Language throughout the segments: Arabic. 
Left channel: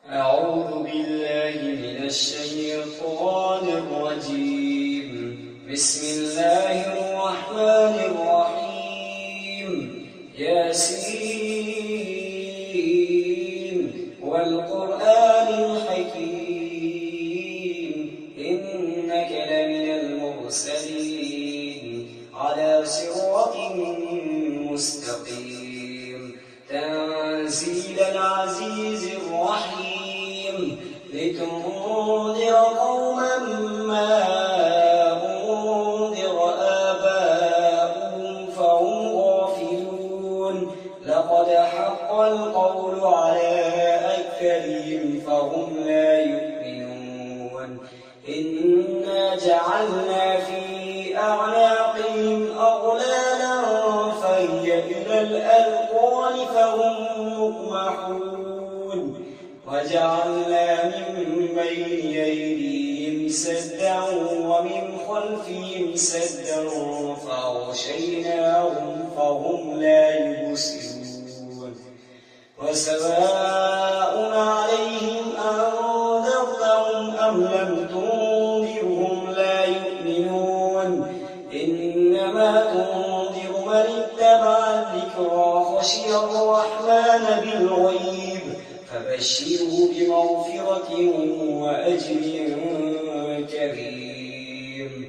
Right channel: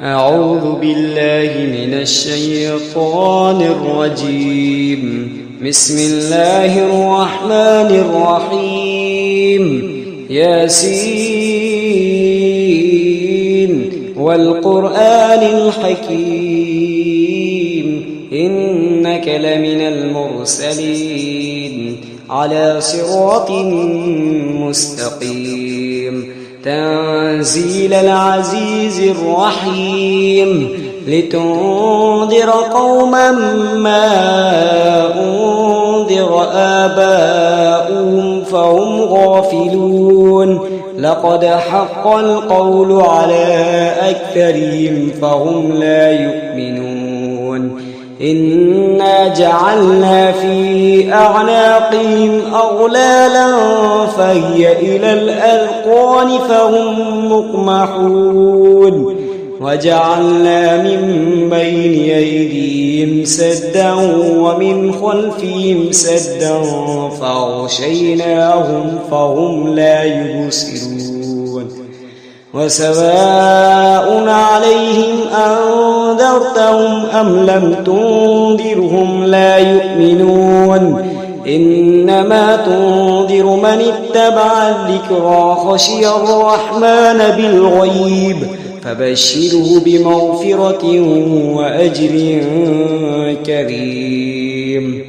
أعوذ بالله من الشيطان الرجيم. بسم الله الرحمن الرحيم. ياسين والقرآن الحكيم إنك لمن المرسلين على صراط مستقيم تنزيل العزيز الرحيم لتنذر قوما ما أنذر آباؤهم فهم غافلون لقد حق القول على أكثرهم فهم لا يؤمنون إنا جعلنا في أعناقهم أغلالا فهي إلى الأذقان فهم مقمحون وجعلنا من بين أيديهم سدا ومن خلفهم سدا فأغشيناهم فهم لا يبصرون وسواء عليهم أنذرتهم أم لم تنذرهم لا يؤمنون إنما تنذر من اتبع الذكرى خشي الرحمن بالغيب فبشره بمغفرة وأجر كريم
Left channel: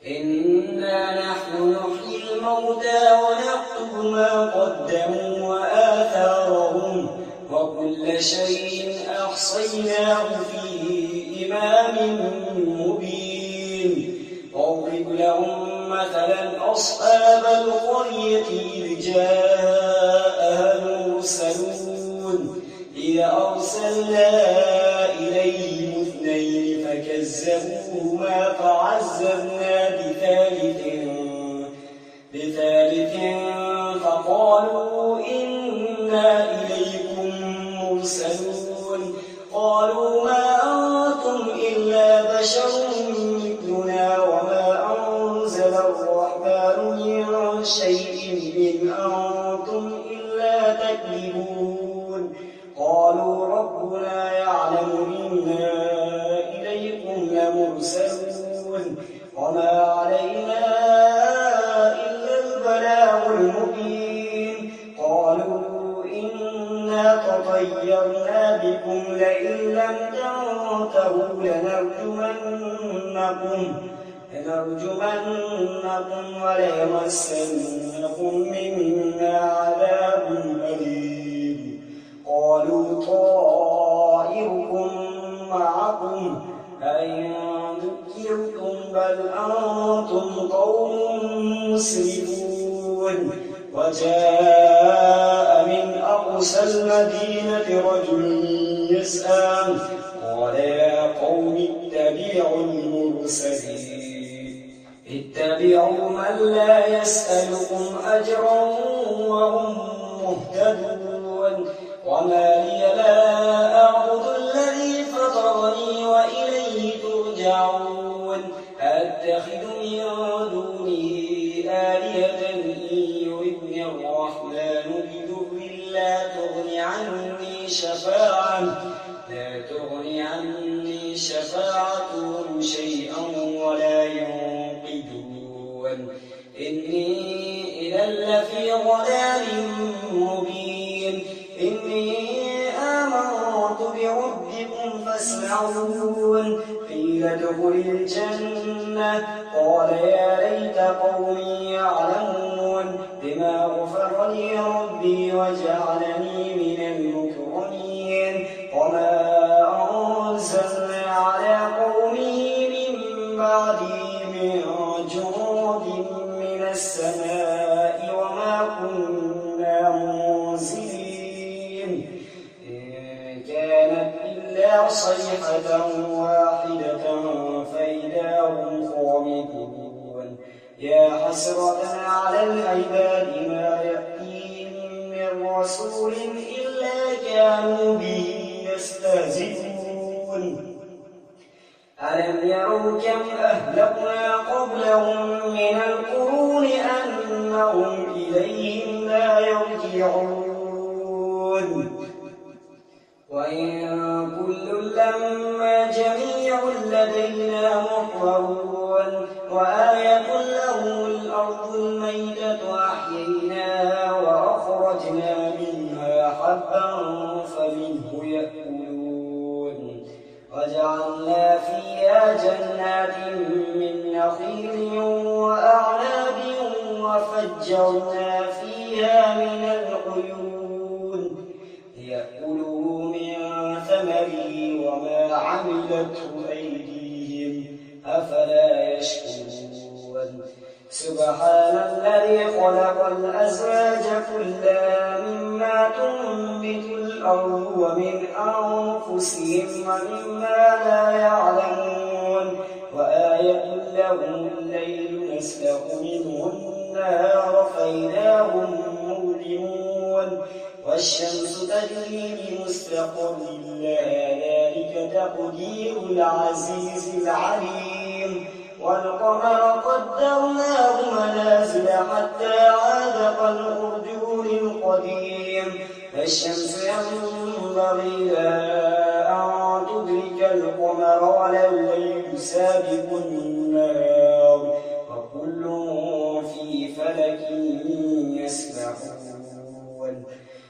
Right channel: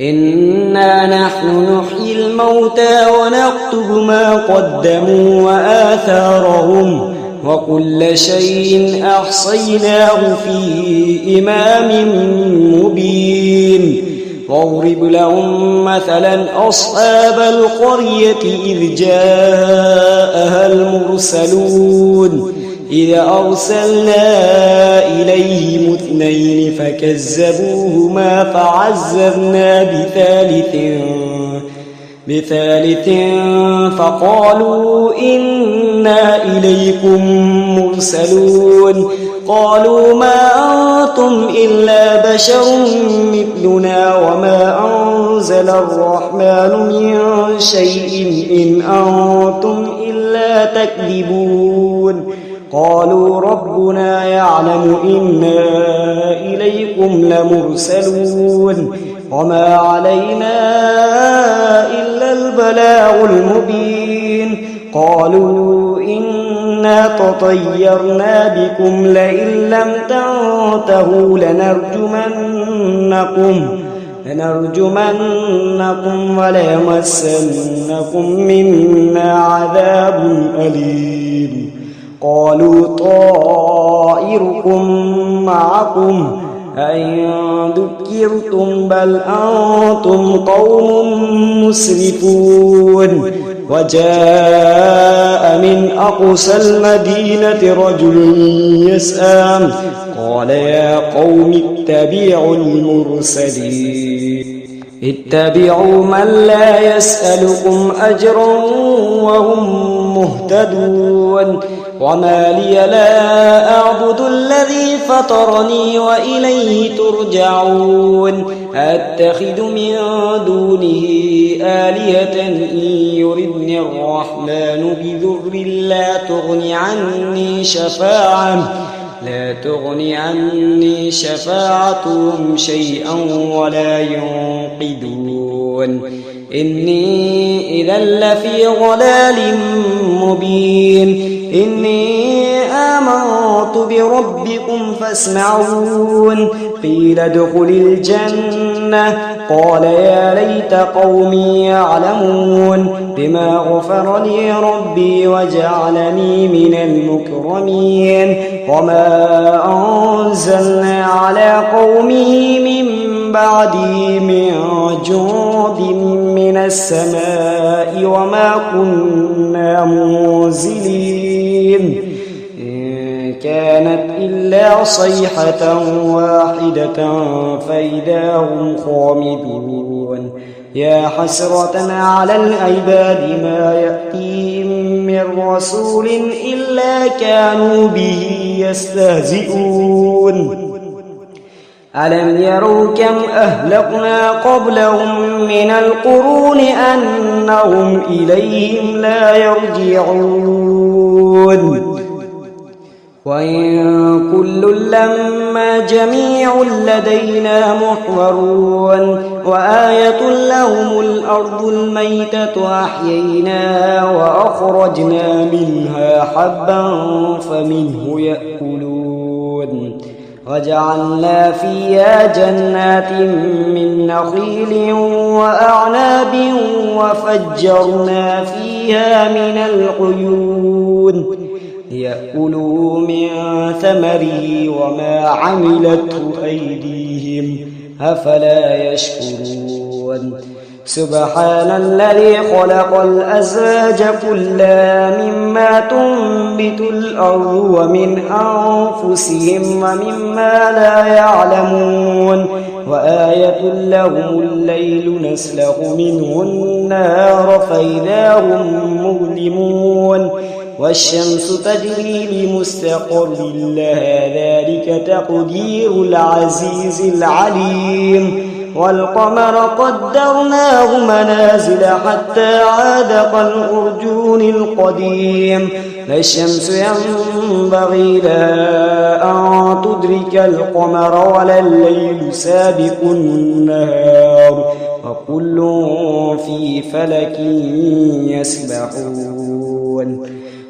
إنا نحن نحيي الموتى ونكتب ما قدموا وآثارهم وكل شيء أحصيناه في إمام مبين واضرب لهم مثلا أصحاب القرية إذ جاءها المرسلون إذ أرسلنا إليهم اثنين فكذبوهما فعززنا بثالث فقالوا إنا إليكم مرسلون قالوا ما أنتم إلا بشر مثلنا وما أنزل الرحمن من شيء إن أنتم إلا تكذبون قالوا ربنا يعلم إنا إليكم لمرسلون وما علينا إلا البلاغ المبين قالوا إنا تطيرنا بكم لئن لم تنتهوا لنرجمنكم وليمسنكم منا عذاب أليم قالوا طائركم معكم أئن ذكرتم بل أنتم قوم مسرفون وجاء من أقصى المدينة رجل يسعى قال يا قوم اتبعوا المرسلين اتبعوا من لا يسألكم أجرا وهم مهتدون وما لي لا أعبد الذي فطرني وإليه ترجعون أتخذ من دونه آلهة إن يردني الرحمن بضر لا تغني عني شفاعتهم شيئا ولا ينقذون إني إذا لفي ضلال مبين إني آمنت بربكم فاسمعون قيل ادخل الجنة قال يا ليت قومي يعلمون بما غفر لي ربي وجعلني من المكرمين وما أنزلنا على قومه من بعده من جند من السماء وما كنا منزلين إن كانت إلا صيحة واحدة فإذا هم خامدون يا حسرة على العباد ما يأتيهم من رسول إلا كانوا به يستهزئون ألم يروا كم أهلكنا قبلهم من القرون أنهم إليهم لا يرجعون وإن كل لما جميع لدينا محضرون وآية لهم الأرض الميتة أحييناها وأخرجنا منها حبا فمنه يأكلون وجعلنا فيها جنات من نخيل وأعناب وفجرنا فيها من العيون ليأكلوا من ثمره وما عملته أيديهم أفلا يشكرون سبحان الذي خلق الأزواج كلها مما تنبت الأرض ومن أنفسهم ومما لا يعلمون وآية لهم الليل نسلخ منه النهار فإذا هم مظلمون والشمس تجري لمستقر لها ذلك تقدير العزيز العليم والقمر قدرناه منازل حتى عاد كالعرجون القديم لا الشمس ينبغي لها أن تدرك القمر ولا الليل سابق النهار وكل في فلك يسبحون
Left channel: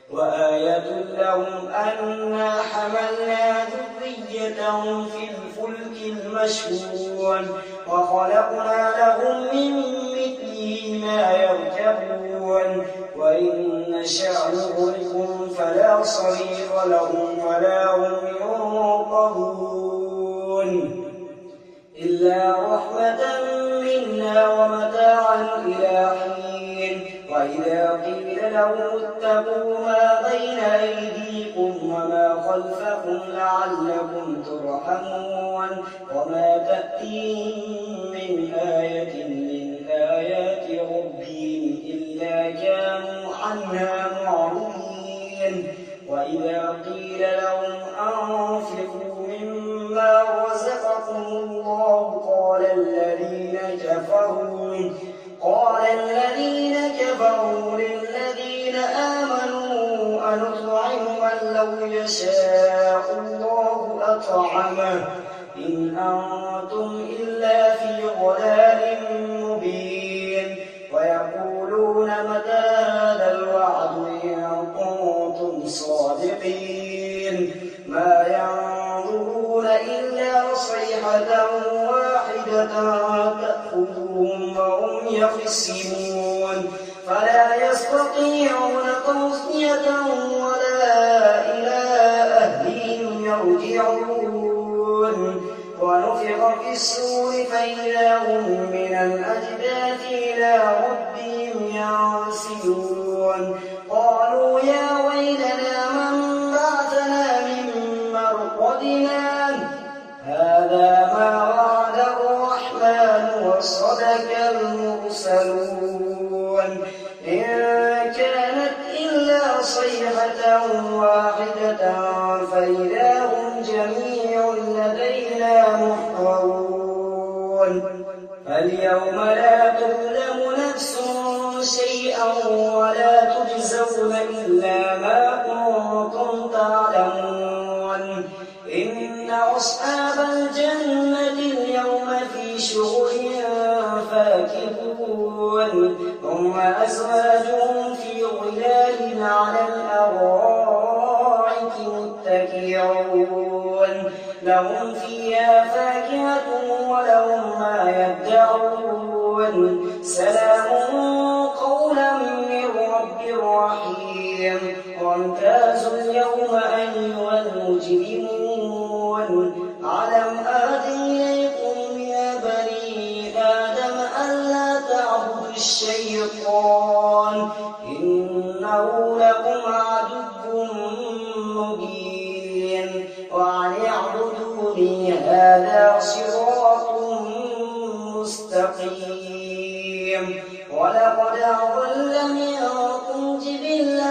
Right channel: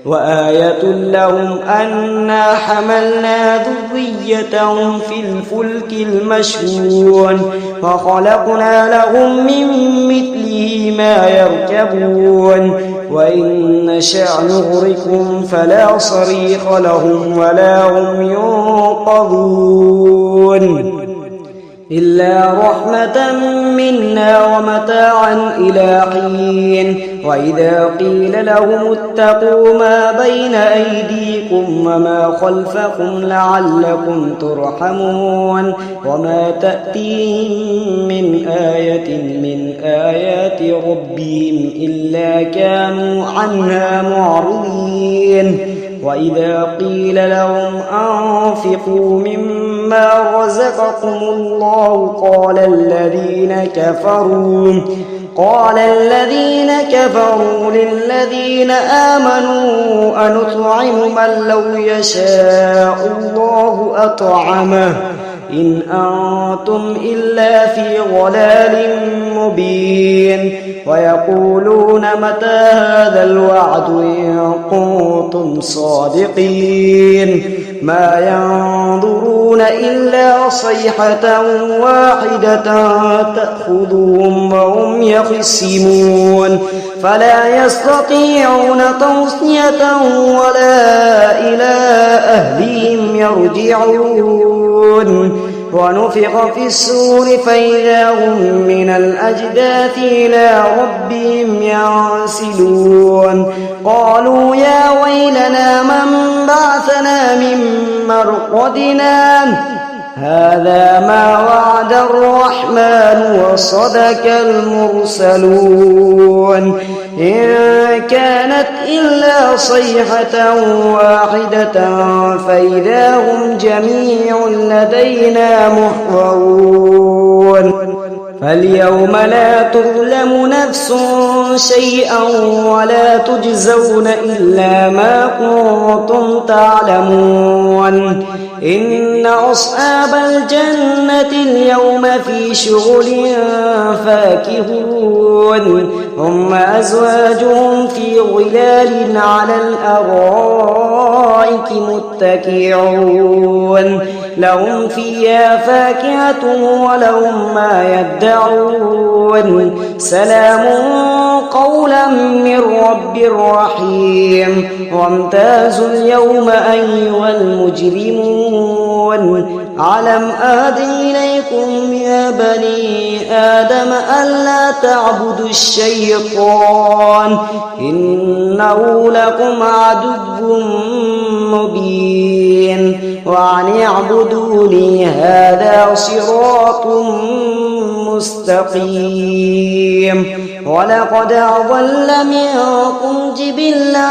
وآية لهم أنا حملنا ذريتهم في الفلك المشحون وخلقنا لهم من مثله ما يركبون وإن نشأ نغرقهم فلا صريخ لهم ولا هم ينقذون إلا رحمة منا ومتاعا إلى حين وإذا قيل لهم اتقوا ما بين أيديكم وما خلفكم لعلكم ترحمون وما تأتيهم من آية من آيات ربهم إلا كانوا عنها معرضين وإذا قيل لهم أنفقوا مما رزقكم الله قال الذين كفروا للذين آمنوا أنطعم من لو يشاء الله أطعمه إن أنتم إلا في ضلال مبين ويقولون متى هذا الوعد إن كنتم صادقين ما ينظرون إلا صيحة واحدة تأخذهم وهم يخصمون فلا يستطيعون توصية ولا إلى أهلهم يرجعون ونفخ في الصور فإذا هم من الأجداث إلى ربهم ينسلون قالوا يا ويلنا من بعثنا من مرقدنا هذا ما وعد الرحمن وصدق المرسلون إن كانت إلا صيحة واحدة فإذا هم جميع لدينا محضرون فاليوم لا تظلم نفس شيئا ولا تجزون إلا ما كنتم تعلمون إن أصحاب الجنة اليوم في شغل فاكهون هم أزواجهم في ظلال على الأرائك متكئون لهم فيها فاكهة ولهم ما يدعون سلام قولا من رب رحيم وامتازوا اليوم أيها المجرمون ألم أعهد إليكم يا بني آدم ألا تعبدوا الشيطان إنه لكم عدو مبين وأن اعبدوني هذا صراط مستقيم ولقد أضل منكم جبلا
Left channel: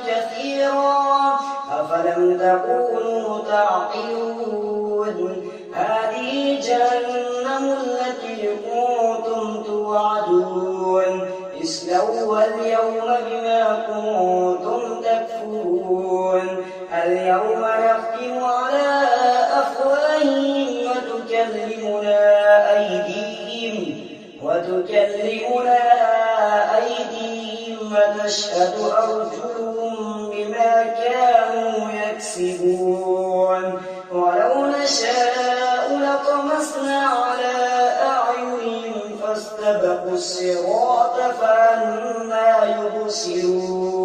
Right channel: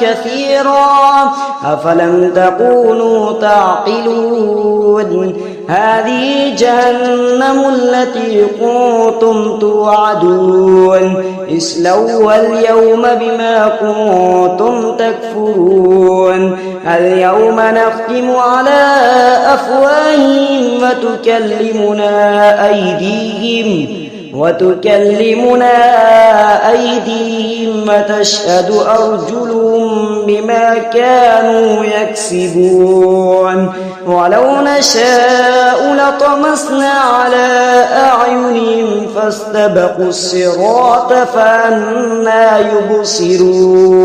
كثيرا أفلم تكونوا تعقلون هذه جهنم التي كنتم توعدون اصلوها اليوم بما كنتم تكفرون اليوم نختم على أفواههم وتكلمنا أيديهم وتشهد أرجلهم بما كانوا يكسبون ولو نشاء لطمسنا على أعينهم فاستبقوا الصراط فأنى يبصرون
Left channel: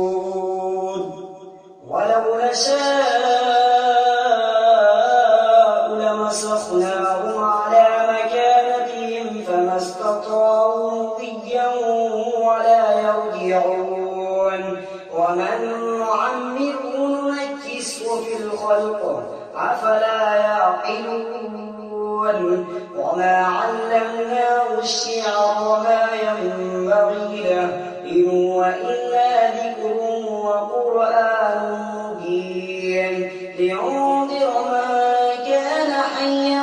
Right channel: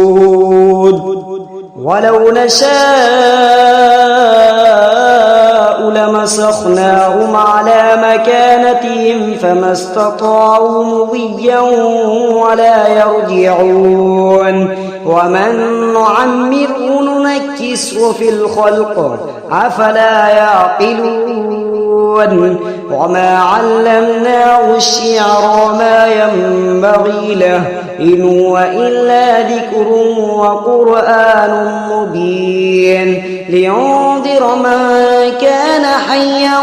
ولو نشاء لمسخناهم على مكانتهم فما استطاعوا مضيا ولا يرجعون ومن نعمره ننكسه في الخلق أفلا يعقلون وما علمناه الشعر وما ينبغي له إن هو إلا ذكر وقرآن مبين لينذر من كان حيا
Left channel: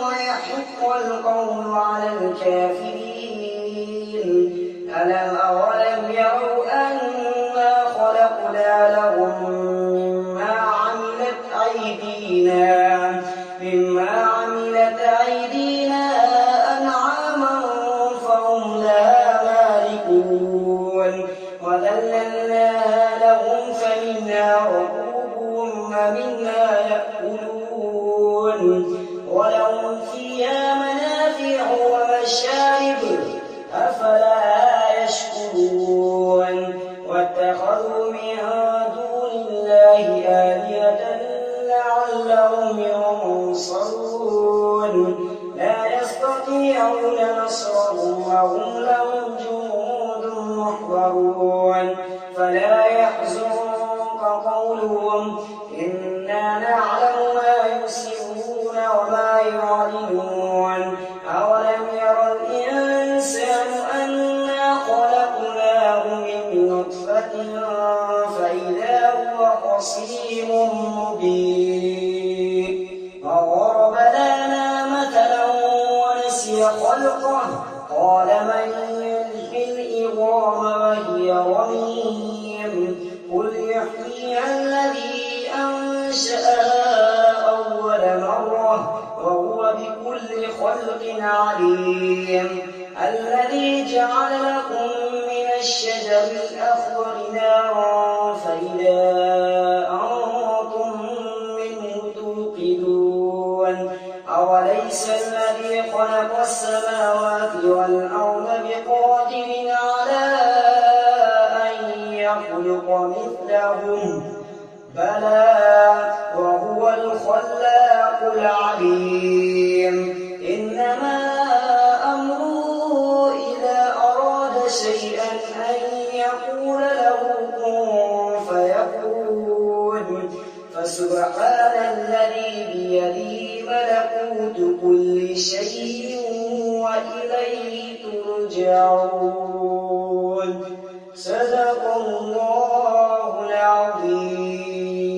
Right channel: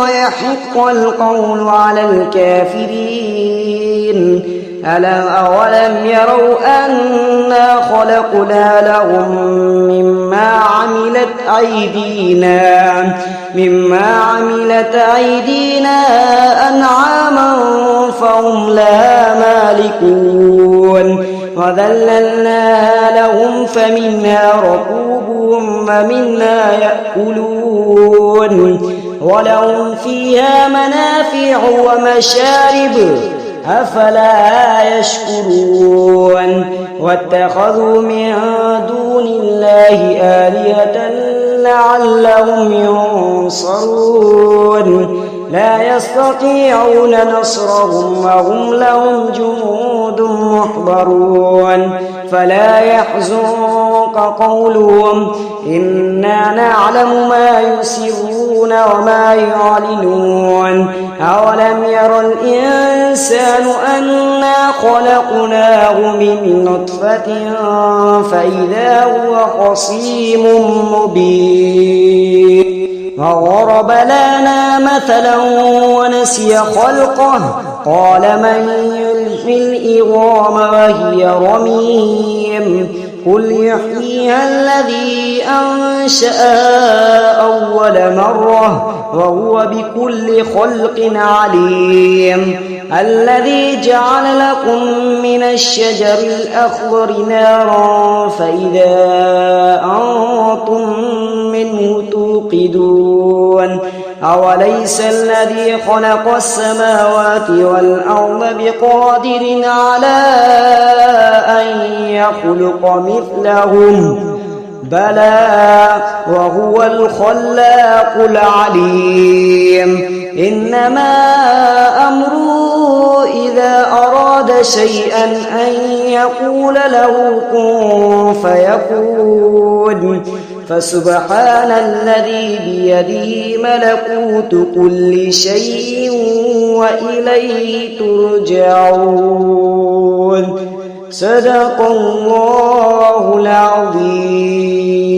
ويحق القول على الكافرين أولم يروا أنا خلقنا لهم مما عملت أيدينا أنعاما فهم لها مالكون وذللناها لهم فمنها ركوبهم ومنها يأكلون ولهم فيها منافع ومشارب أفلا يشكرون واتخذوا من دون الله آلهة لعلهم ينصرون لا يستطيعون نصرهم وهم لهم جنود محضرون فلا يحزنك قولهم إنا نعلم ما يسرون وما يعلنون أولم ير الإنسان أنا خلقناه من نطفة فإذا هو خصيم مبين وضرب لنا مثلا ونسي خلقه قال من يحيي العظام وهي رميم قل يحييها الذي أنشأها أول مرة وهو بكل خلق عليم الذي جعل لكم من الشجر الأخضر نارا فإذا أنتم منه توقدون أوليس الذي خلق السماوات والأرض بقادر على أن يخلق مثلهم بلى وهو الخلاق العليم إنما أمره إذا أراد شيئا أن يقول له كن فيكون فسبحان الذي بيده ملكوت كل شيء وإليه ترجعون صدق الله العظيم.